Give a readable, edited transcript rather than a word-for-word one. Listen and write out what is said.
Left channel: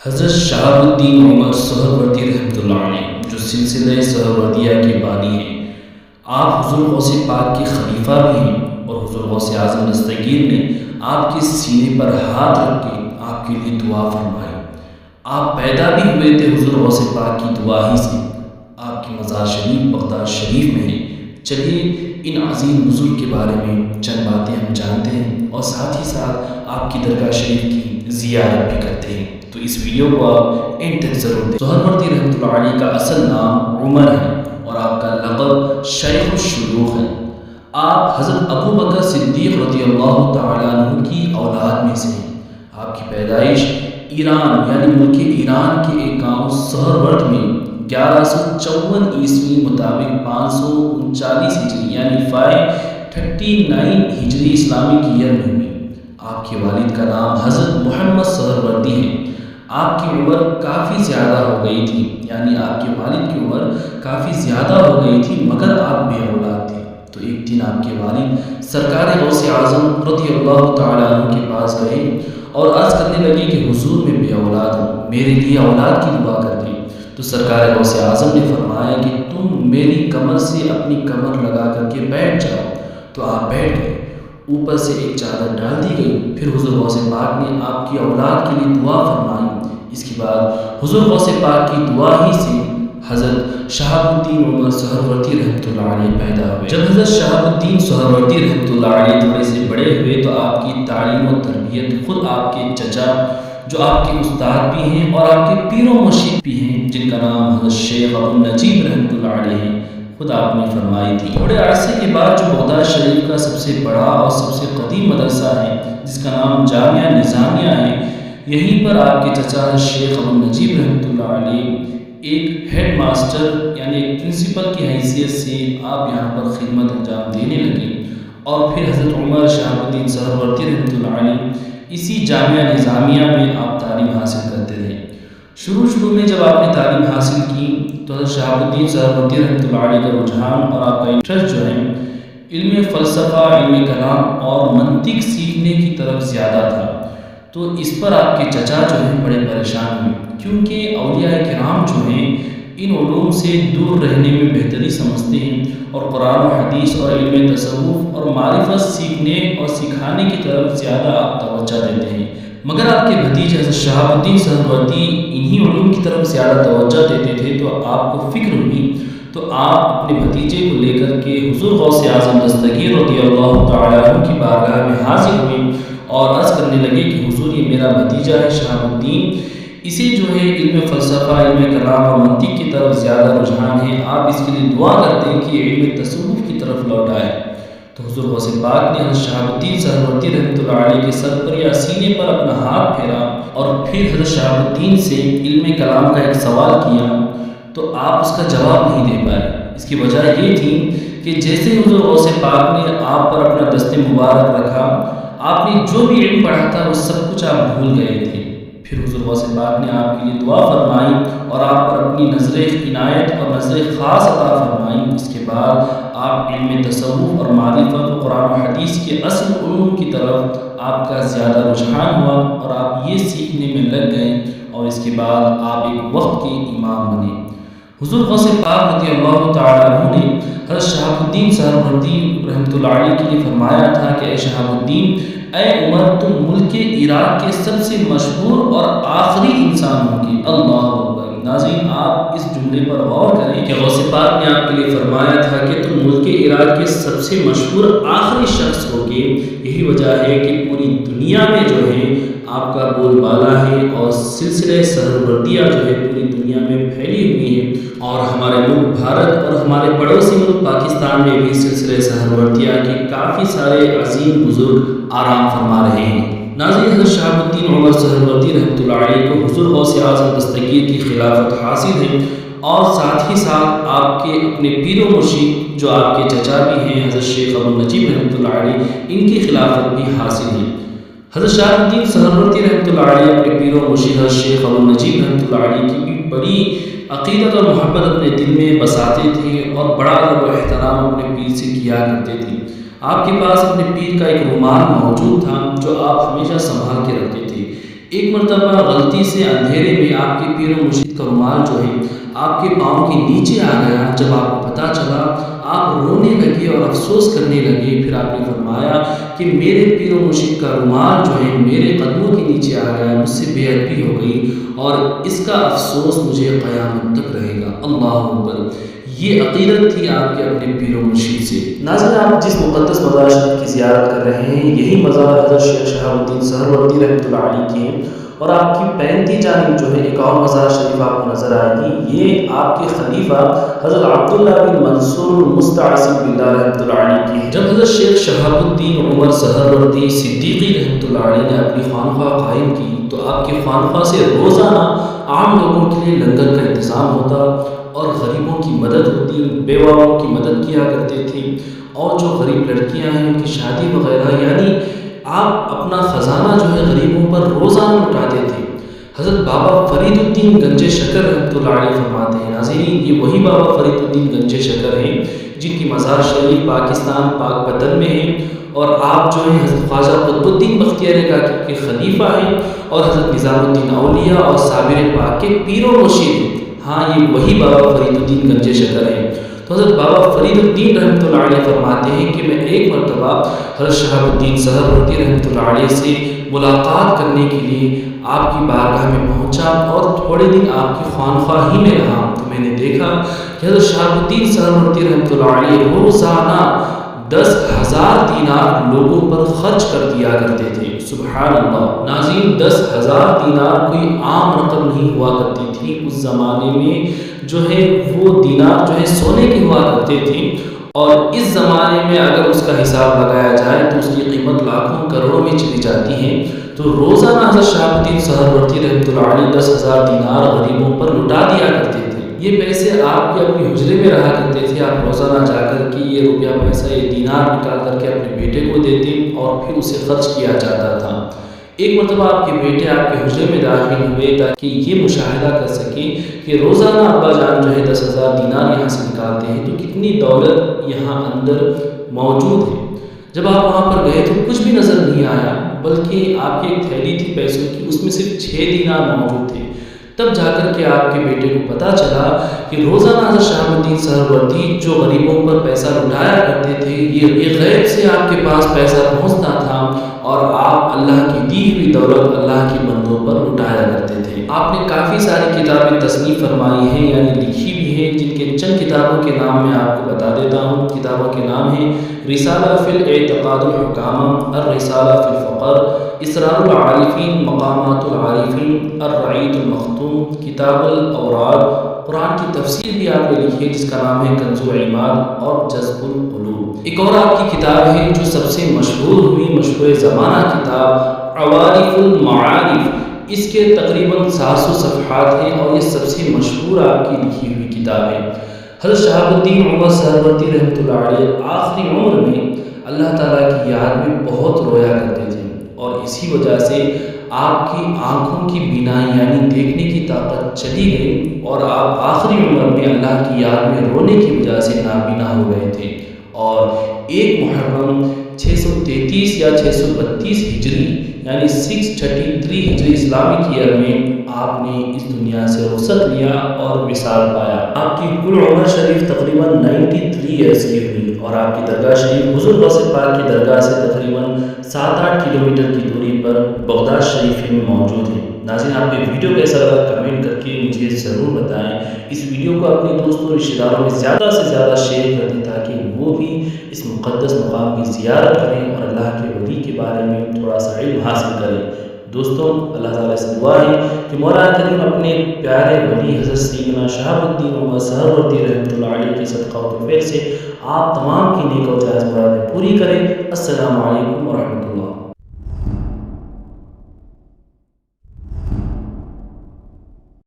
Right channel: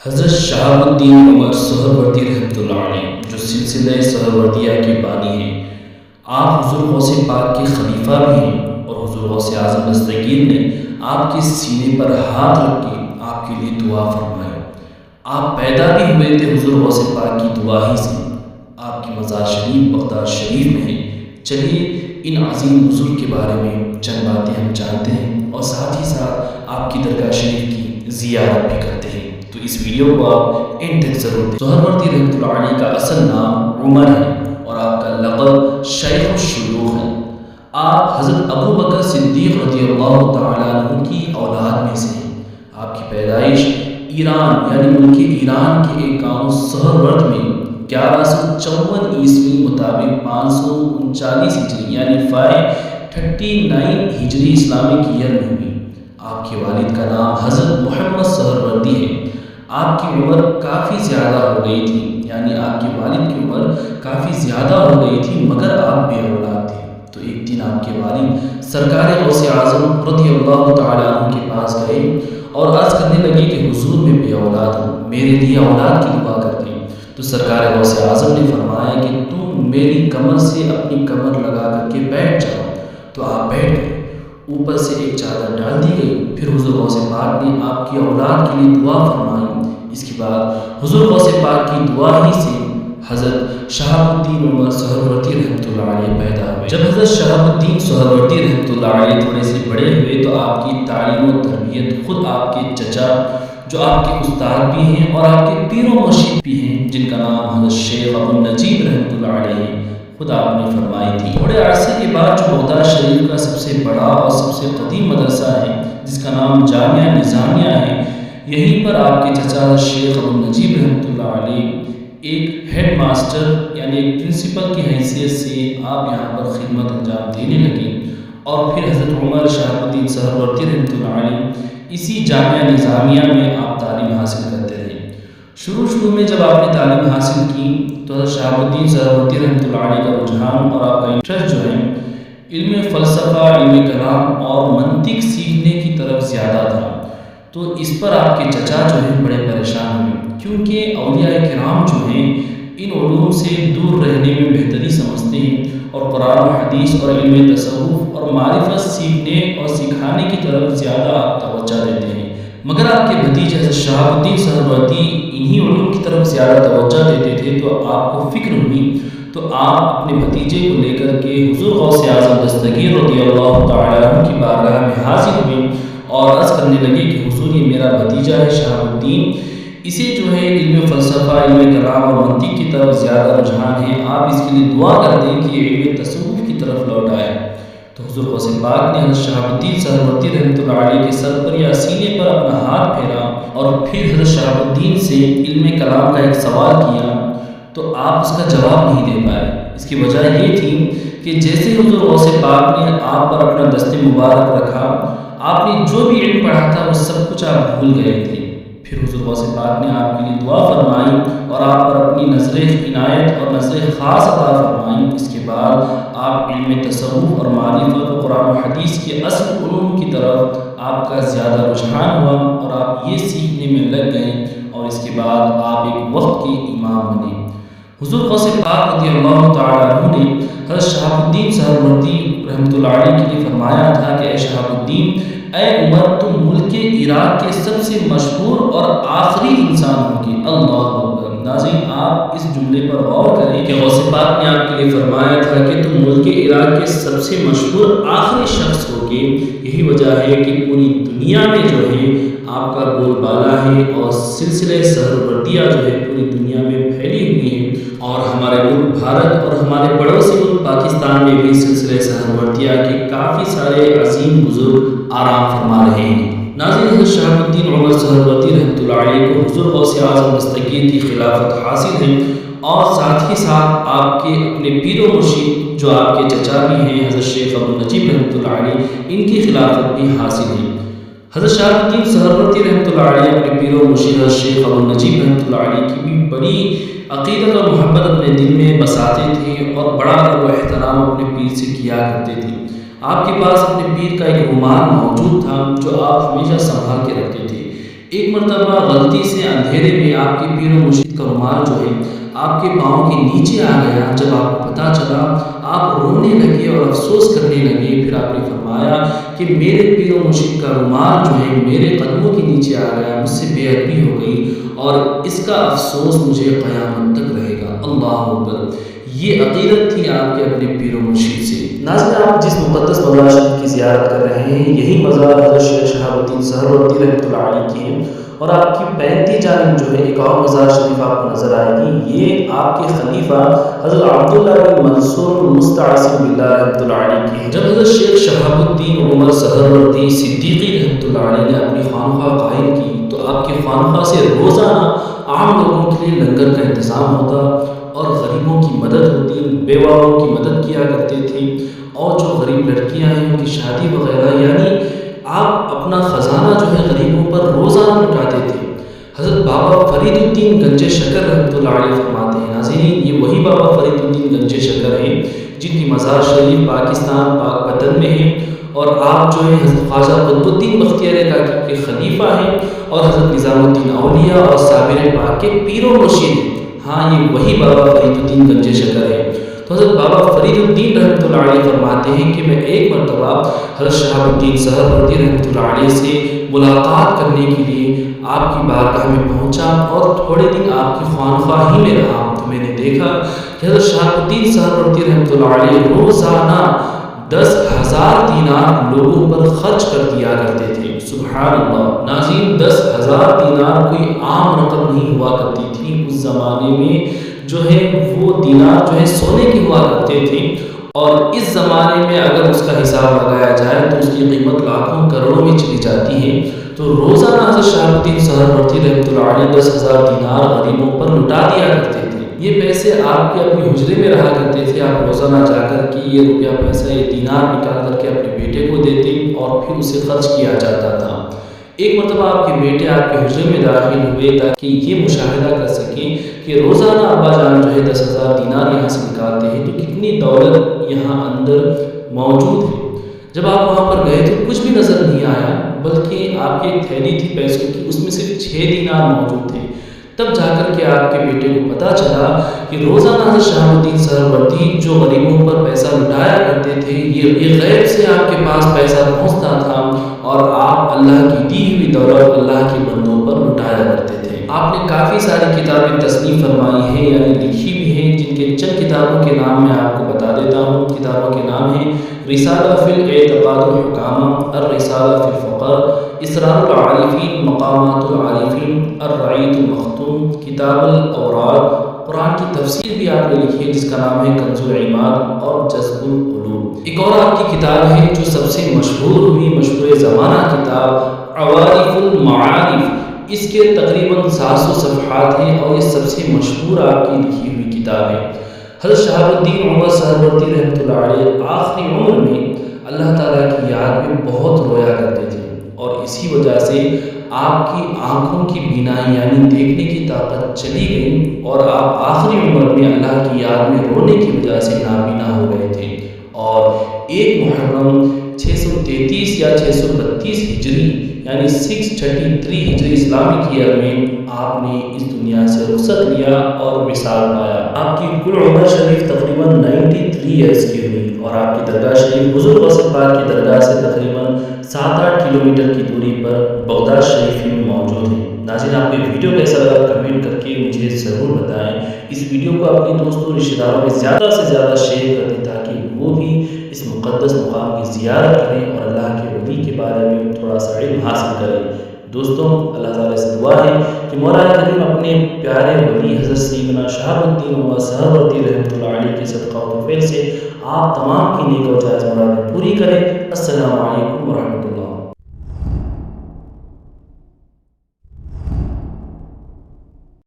حضرت شہاب الدین عمر سہروردی رحمۃ اللہ علیہ جو سلسلہ سہروردیہ کے بانی ہیں، آپ حضور غوث پاک کے خلیفہ بھی ہیں، اور حضور غوث اعظم دستگیر نے آپ کے سینے پر ہاتھ رکھ کے آپ کے لیے دعا فرمائی۔ آپ پیدا بھی ہوئے تھے حضور غوث پاک کی دعا ہی سے۔ آپ کی مزار شریف بغداد شریف میں ہے۔ چلیے ان عظیم بزرگ کے بارے میں چند باتیں ہم جانتے ہیں اور ساتھ ہی ساتھ آپ کی درگاہ شریف کی زیارت بھی کرتے ہیں، تو اس ویڈیو کو آپ اینڈ تک ضرور دیکھیں۔ سہروردی رحمۃ اللہ علیہ کا اصل نام عمر ہے اور آپ کا لقب شیخ الشیوخ ہے۔ آپ حضرت ابو بکر صدیق رضی اللہ تعالیٰ عنہ کی اولاد میں سے ہیں۔ آپ کی پیدائش ایران یعنی ملک ایران کے ایک گاؤں سہرورد میں 1154 عیسوی مطابق 539 ہجری یعنی 539 ہجری اسلامک ایئر میں ہوئی۔ آپ کے والد کا نام حضرت محمد سہروردی ہے۔ آپ کی عمر کافی زیادہ ہو گئی تھی، یعنی آپ کے والد کی عمر کافی زیادہ ہو گئی تھی، مگر آپ بے اولاد تھے۔ تو ایک دن آپ کے والد سرکار غوث اعظم رضی اللہ تعالیٰ عنہ کے پاس گئے اور عرض کرنے لگے کہ حضور میں بے اولاد ہوں، میرے لیے اولاد کی دعا کر دیں۔ تو سرکار غوث اعظم نے فرمایا کہ تم میری کمر سے اپنی کمر لگا کر کے بیٹھ جاؤ۔ تو آپ بیٹھ گئے، اوپر سے ایک چادر ڈال دی گئی۔ پھر حضور غوث پاک نے آپ کی اولاد کے لیے دعا فرمائی۔ اس کے بعد حضور غوث پاک کی دعا ہی سے حضرت شہاب الدین عمر سہروردی رحمۃ اللہ علیہ پیدا ہوئے۔ جب حضرت شہاب الدین سہروردی رحمۃ اللہ علیہ تھوڑے سے بڑے ہوئے تو آپ کی تعلیم و تربیت خود آپ کے چچا جو آپ کے استاد بھی ہیں اور آپ کے پیر و مرشد بھی ہیں، جن کا نام حضرت شیخ ابو النجیب رحمۃ اللہ علیہ ہے، خود آپ نے فرمائی تھی۔ تھوڑے عرصے کے بعد جو بغداد شریف کا سب سے بڑا اور سب سے قدیم مدرسہ ہے، جس کا نام جامعہ نظامیہ ہے، یہیں پر آپ کے چچا شیخ ابو النجیب رحمۃ اللہ علیہ ایک ہیڈ ماسٹر یعنی ایک پرنسپل کی حیثیت سے آپ یہاں پر خدمت انجام دینے لگے، اور پھر حضرت عمر شہاب الدین سہروردی رحمۃ اللہ علیہ اسی جامعہ نظامیہ میں آپ تعلیم حاصل کرتے رہے۔ شروع میں جب آپ نے تعلیم حاصل کی تو حضرت شہاب الدین سہروردی رحمۃ اللہ علیہ کا رجحان اور آپ کا انٹرسٹ جو ہے علم فلسفہ، علم کلام اور منطق سیکھنے کی طرف زیادہ تھا۔ تو اس پر آپ کے چچا جو ہیں بڑے پریشان ہوئے، کیونکہ اولیاء کرام جو ہیں ان علوم سے دور رہنے میں بہتری سمجھتے ہیں اور قرآن و حدیث اور علم تصوف اور معرفت سیکھنے اور سکھانے کی طرف زیادہ آپ توجہ دیتے ہیں، مگر آپ کے بھتیجے حضرت شہاب الدین سہروردی انہی علوم کی طرف زیادہ توجہ دیتے تھے۔ تو آپ کو فکر ہوئی تو آپ اپنے بھتیجے کو لے کر کے حضور غوث اعظم دستگیر رضی اللہ تعالیٰ عنہ کی بارگاہ میں حاضر ہوئے اور عرض کرنے لگے کہ حضور یہ میرا بھتیجا ہے شہاب الدین، اسے جو ہے علم فلسفہ، علم کلام اور منطق کی طرف زیادہ رجحان ہے، آپ اس کے لیے دعا کر دیں کہ یہ علم تصوف کی طرف لوٹ آئے۔ تو حضور غوث پاک نے حضرت شہاب الدین سہروردی رحمۃ اللہ علیہ کے سر پر یا سینے پر اپنا ہاتھ پھیرا اور پھر حضرت شہاب الدین سے علم کلام کا ایک سوال کیا، تو آپ اس کا جواب نہیں دے پائے۔ اس کی وجہ یہ تھی کہ جیسے حضور غوث پاک نے آپ پر اپنا دست مبارک رکھا، آپ نے جو بھی علم پڑھا تھا وہ سب کچھ آپ بھول گئے تھے۔ پھر حضور غوث پاک نے آپ کے لیے دعا فرمائی اور آپ پر اپنی نظر عنایت اور نظر خاص عطا فرمائی۔ اس کے بعد آپ علم تصوف اور معرفت و قرآن و حدیث کے اصل علوم کی طرف آپ کا زیادہ رجحان ہوا اور آپ یہ سیکھنے میں لگ گئے، اور اس کے بعد آپ ایک وقت کے امام بنے۔ حضور غوث پاک رضی اللہ تعالیٰ عنہ نے حضرت شہاب الدین سہروردی رحمۃ اللہ علیہ کے لیے فرمایا تھا کہ اے شہاب الدین، اے عمر، تم ملک عراق کے سب سے مشہور اور آخری انسان ہوگے۔ اللہ اکبر۔ ناظرین، آپ اس جملے پر غور کریں کہ غوث پاک نے آپ کے لیے فرمایا تھا کہ تم ملک عراق کے سب سے مشہور آخری شخص ہوگے۔ یہی وجہ ہے کہ پوری دنیا میں جو ہے آپ کا بول بالا ہے اور سلسلہ سہروردیہ جو ہے پوری دنیا میں پھیلی ہوئی ہے، اور ہمارے ملک بھارت اور ہمارے پڑوسی ملک پاکستان میں بھی سلسلہ سہروردیہ کے کافی سارے عظیم بزرگ آرام فرما رہے ہیں۔ ناظرین، حضرت شہاب الدین عمر سہروردی رحمۃ اللہ علیہ کو حضور غوث اعظم دستگیر کی خلافت حاصل ہے، اور ساتھ ہی ساتھ آپ کے اپنے پیر و مرشد جو آپ کے چچا بھی ہیں حضرت شیخ ابو النجیب رحمۃ اللہ علیہ، ان کی خلافت بھی حاصل ہے۔ حضرت شہاب الدین سہروردی رحمۃ اللہ علیہ اپنے پیر و مرشد حضرت شیخ ابو النجیب رحمۃ اللہ علیہ کی بھی بڑی عقیدت اور محبت اپنے دل میں بساتے تھے اور بڑا ادب و احترام اپنے پیر سے کیا کرتے تھے۔ آپ کے پاس اپنے پیر کا ایک رومال موجود تھا جو آپ ہمیشہ سنبھال کے رکھتے تھے۔ ایک مرتبہ غلطی سے اندھیرے میں آپ کے پیر و مرشد کا رومال جو ہے آپ کے پاؤں کے نیچے آ گیا۔ جب آپ کو پتہ چلا آپ رونے لگے اور افسوس کرنے لگے۔ پھر آپ نے فرمایا کہ میرے پیر و مرشد کا رومال جو ہے میرے قدموں کے نیچے آ گیا، مجھ سے بے ادبی ہو گئی اور اس کا افسوس مجھے قیامت تک رہے گا۔ اللہ اکبر! یہ عقیدت تھی آپ کے اپنے پیر و مرشد سے۔ ناظرین، آپ جس مقدس مزار شریف کی زیارت کر رہے ہیں، یہی مزار حضرت شیخ شہاب الدین سہروردی رحمۃ اللہ علیہ کی ہے، اور آپ کی پینتی جانب جو ہے ایک اور مزار شریف آپ کو نظر آئے گی۔ یہ آپ کے خلیفہ حضرت عبداللہ بن منصور المستعصم باللہ رحمۃ اللہ علیہ کی ہے۔ جب حضرت شیخ شہاب الدین عمر سہروردی صدیقی رحمۃ اللہ علیہ نے اپنی خانقاہ قائم کی تو آپ کی خانقاہ سے روزانہ عام لوگوں کے لیے لنگر کا انتظام ہوتا اور غریبوں کی مدد ہوتی، بیواؤں کی مدد کیا کرتے تھے، اور جو غریب لڑکیاں ہیں ان کی شادی وغیرہ، یعنی آپ اپنا خزانہ جو ہے غریبوں پر روزانہ لٹاتے تھے۔ حضرت بابا فرید الدین گنج شکر رحمۃ اللہ علیہ فرماتے ہیں، ناظرین یہ وہی بابا فرید الدین گنج شکر ہیں جن کی مزار شریف پاکستان پاک پتن میں ہے، اور آپ جو ہیں حضرت خواجہ قطب الدین بختیار کاکی کے خلیفہ ہیں، اور حضرت نظام الدین اولیاء اور صابر پاک کے پیر و مرشد ہیں۔ ہاں، یہ وہی بابا فرید الدین گنج شکر ہیں۔ تو حضرت بابا فرید الدین رحمۃ اللہ علیہ فرماتے ہیں کہ میں ایک مرتبہ حضرت شہاب الدین سہروردی رحمۃ اللہ علیہ سے ملاقات کرنے کے لیے آپ کی بارگاہ میں پہنچا اور تھوڑے دن آپ کی خانقاہ ہی میں رہا، تو میں نے دیکھا کہ حضرت شہاب الدین سہروردی رحمۃ اللہ علیہ روزانہ 10,000 دینار لوگوں پر خرچ کر دیا کرتے تھے۔ سبحان اللہ! ناظرین، 10,000 دینار کوئی عام رقم نہیں ہوا کرتی تھی۔ اس زمانے میں جو ہے وہ دینار جو ہے سونے کے ہوا کرتے تھے، اور اس زمانے میں اگر اس کا حساب لگایا جائے تو اس کی قیمت لاکھوں کروڑوں میں چلی جاتی ہے۔ تو روزانہ حضرت شہاب الدین سہروردی رحمۃ اللہ علیہ 10,000 دینار غریبوں پر لٹا دیا کرتے تھے۔ یہ پیسے آپ کے اپنی حجرے میں رہا کرتے تھے، آپ روزانہ جا کر کے یہ روپیہ پیسہ یہ دینار نکال کر کے اپنے بیٹے کو دیتے اور پھر اسے خرچ کیا جاتا تھا۔ ایک مرتبہ آپ کے بیٹے آپ کے حجرے میں داخل ہوئے تاکہ یہ مشاہدہ کر سکیں کہ روزانہ ابا جان جو ہے 10,000 دینار یہاں سے نکالتے ہیں تو کتنی دولت یہاں اندر موجود ہے۔ جب آپ وہاں پر گئے تو کچھ بھی نظر نہیں آیا، بلکہ آپ کی ایک تھیلی تھی پیسوں کی، اس میں صرف 6 دینار موجود تھے۔ تب جا کر کے آپ کے بیٹے کو پتہ چلا کہ روزانہ حضرت شہاب الدین سہروردی جو غریبوں پر پیسہ لٹایا کرتے تھے، یہ غیب سے آپ کے پاس پیسہ پہنچتا تھا اور آپ اللہ کی دی ہوئی دولت اللہ کے بندوں پر لٹایا کرتے تھے۔ آپ نے کافی ساری کتابیں تصنیف فرمائی ہیں، یعنی لکھی بھی ہیں، جن کے چند کتابوں کے نام میں آپ کو بتا دیتا ہوں۔ کتابوں کے نام ہیں رسالہ فی الاعتقاد الحکامہ، الرسالہ فی الفقر، اسرار العارفین، مقامات العارفین، الرعیت المختوم، کتاب الاوراد، قرآن کی تفسیر بھی آپ نے لکھی ہے جس کا نام ہے کنز العماد اور جذب القلوب۔ ایک اور آپ کی کتاب ہے جو سب سے مشہور ہوئی، مشہور زمانہ کتاب عوارف المعارف، اس کے تقریباً 700 صفحات ہیں اور یہ سب سے مشہور آپ کی لکھی ہوئی کتاب ہے۔ حضرت شہاب الدین عمر سہروردی رحمۃ اللہ علیہ آخری عمر میں اللہ تعالیٰ کی یاد میں بہت رویا کرتے تھے، اور اسی وجہ سے آپ کی آنکھوں کی بینائی یعنی دیکھنے کی طاقت چلی گئی، اور آپ آخری عمر میں اللہ کی یاد میں رونے کی وجہ سے نابینا ہو گئے تھے۔ اور 1 محرم 633 یا 632 ہجری یعنی 633 ہجری اسلامک ایئر میں آپ نے اس دنیا سے رخصت لیا اور وصال پایا۔ آپ کی کل عمر شریف تقریباً 93 ایئرس کی ہوئی، اور آپ کی درگاہ شریف حضور غوث پاک کی درگاہ سے تقریباً 7-8 کلومیٹر کی دوری پر بغداد شریف میں موجود ہے۔ ناظرین، آپ کو ویڈیو کیسا لگا کمنٹ کر کے مجھے ضرور بتائیں۔ اس ویڈیو کو اپنے دوستوں رشتہ داروں میں زیادہ سے زیادہ شیئر کر دیں تاکہ وہ بھی اس مقدس مقام کی زیارت کریں اور اللہ کے ولی کے بارے میں تھوڑا سا علم حاصل کریں۔ دوستوں، اللہ تعالیٰ سے دعا ہے کہ مولا کریم اپنے پیارے ولی حضرت سیدنا شہاب الدین عمر سہروردی رحمۃ اللہ علیہ کے صدقہ و توفیل سے آپ تمام کی نیک و جائز مرادیں پوری کریں۔ السلام علیکم ورحمۃ اللہ۔